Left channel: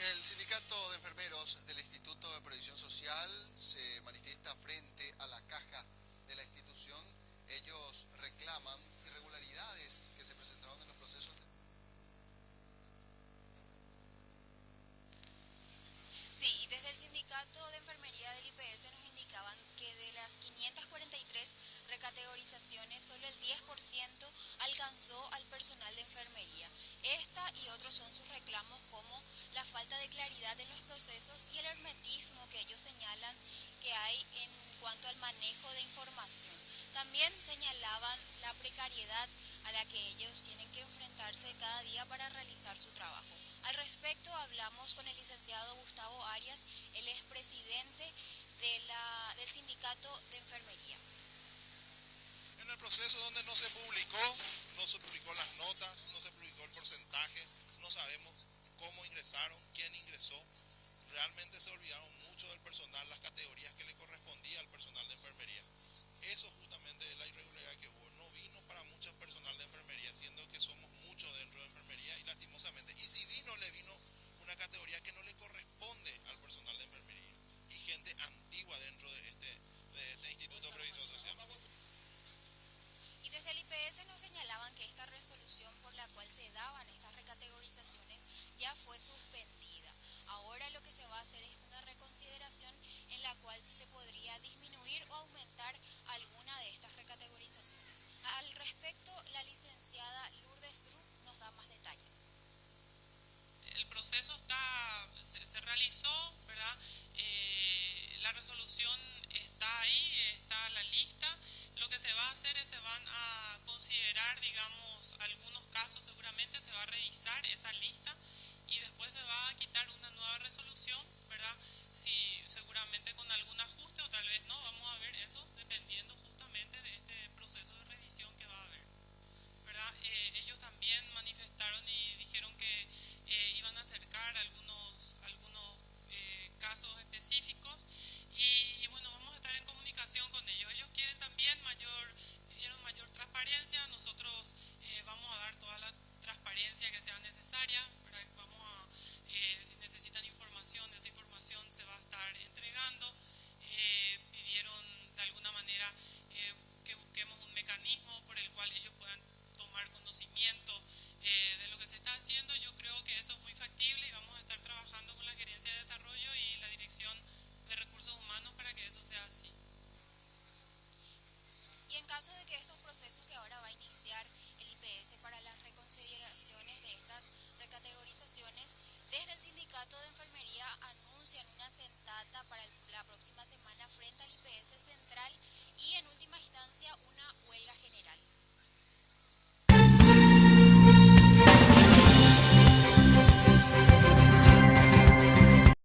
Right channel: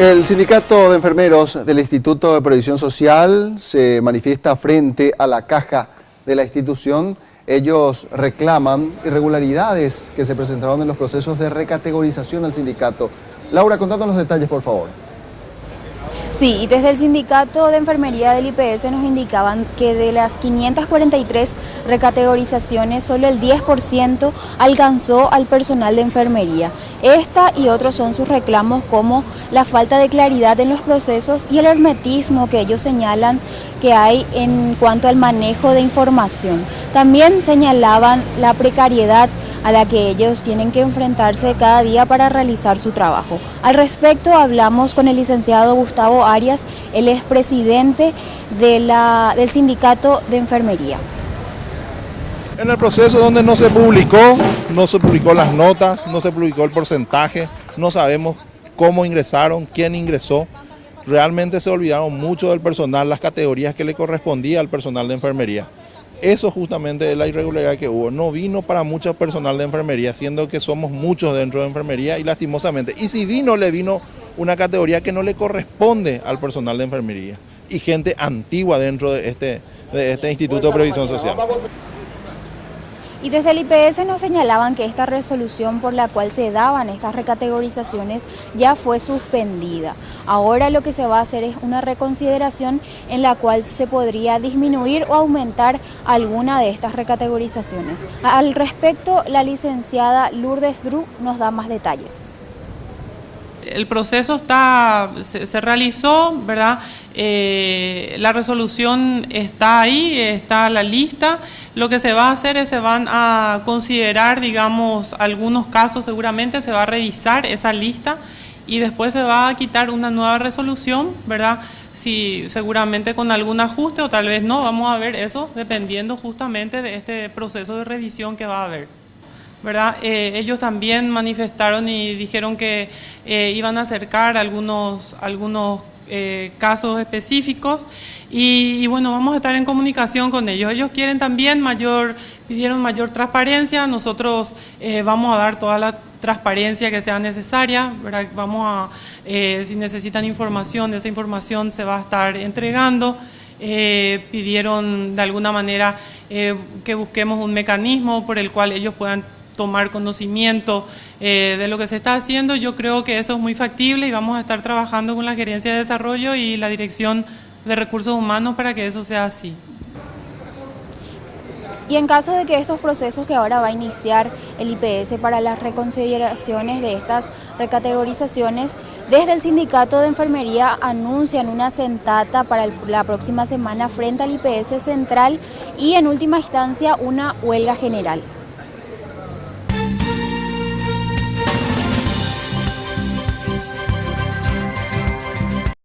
El sindicato de enfermeros del Instituto de Previsión Social se manifiesta frente a la caja de la institución. Ellos reclaman irregularidades que se presentaron en los procesos de recategorización del sindicato. Laura, contando los detalles, por favor. Sí, y desde el sindicato de enfermería del IPS nos indicaban que de las 543 recategorizaciones, solo el 10% alcanzó al personal de enfermería. Esta y otros son sus reclamos, como la falta de claridad en los procesos y el hermetismo que ellos señalan que hay en cuanto al manejo de información. También señalaban la precariedad a la que ellos tienen que enfrentarse cada día para realizar su trabajo. Al respecto hablamos con el licenciado Gustavo Arias, él es presidente del sindicato de enfermería. En el proceso donde no se publicó las notas, no se publicó el porcentaje, no sabemos cómo ingresaron, quién ingresó. Realmente se olvidaron mucho del personal, las categorías que le correspondía al personal de enfermería. Eso justamente es la irregularidad que hubo. No vino para mucho personal de enfermería, siendo que somos muchos dentro de enfermería y lastimosamente. Y si vino, le vino una categoría que no le corresponde al personal de enfermería. Y gente antigua dentro de este Instituto de Previsión Social. Y desde el IPS nos señalaban que esta resolución por la cual se daban estas recategorizaciones ya fue suspendida. Ahora lo que se va a hacer es una reconsideración en la cual se podría disminuir o aumentar alguna de estas recategorizaciones. Al respecto, la licenciada Lourdes Dru nos da más detalles. El proceso se realizó, ¿verdad? La resolución está ahí, está la lista. Lo que se va a hacer es se van a considerar, digamos, algunos casos, seguramente se va a revisar esa lista y después se va a quitar una nueva resolución, ¿verdad? Si seguramente con algún ajuste o tal vez no, vamos a ver eso dependiendo justamente de este proceso de revisión que va a haber, ¿verdad? Ellos también manifestaron y dijeron que iban a acercar algunos casos específicos y bueno, vamos a estar en comunicación con ellos. Ellos quieren también pidieron mayor transparencia. Nosotros vamos a dar toda la transparencia que sea necesaria, ¿verdad? Si necesitan información, esa información se va a estar entregando. Pidieron de alguna manera que busquemos un mecanismo por el cual ellos puedan tomar conocimiento de lo que se está haciendo. Yo creo que eso es muy factible y vamos a estar trabajando con la Gerencia de Desarrollo y la Dirección de Recursos Humanos para que eso sea así. Y en caso de que estos procesos que ahora va a iniciar el IPS para las reconsideraciones de estas recategorizaciones, desde el sindicato de enfermería anuncian una sentata para la próxima semana frente al IPS central y en última instancia una huelga general.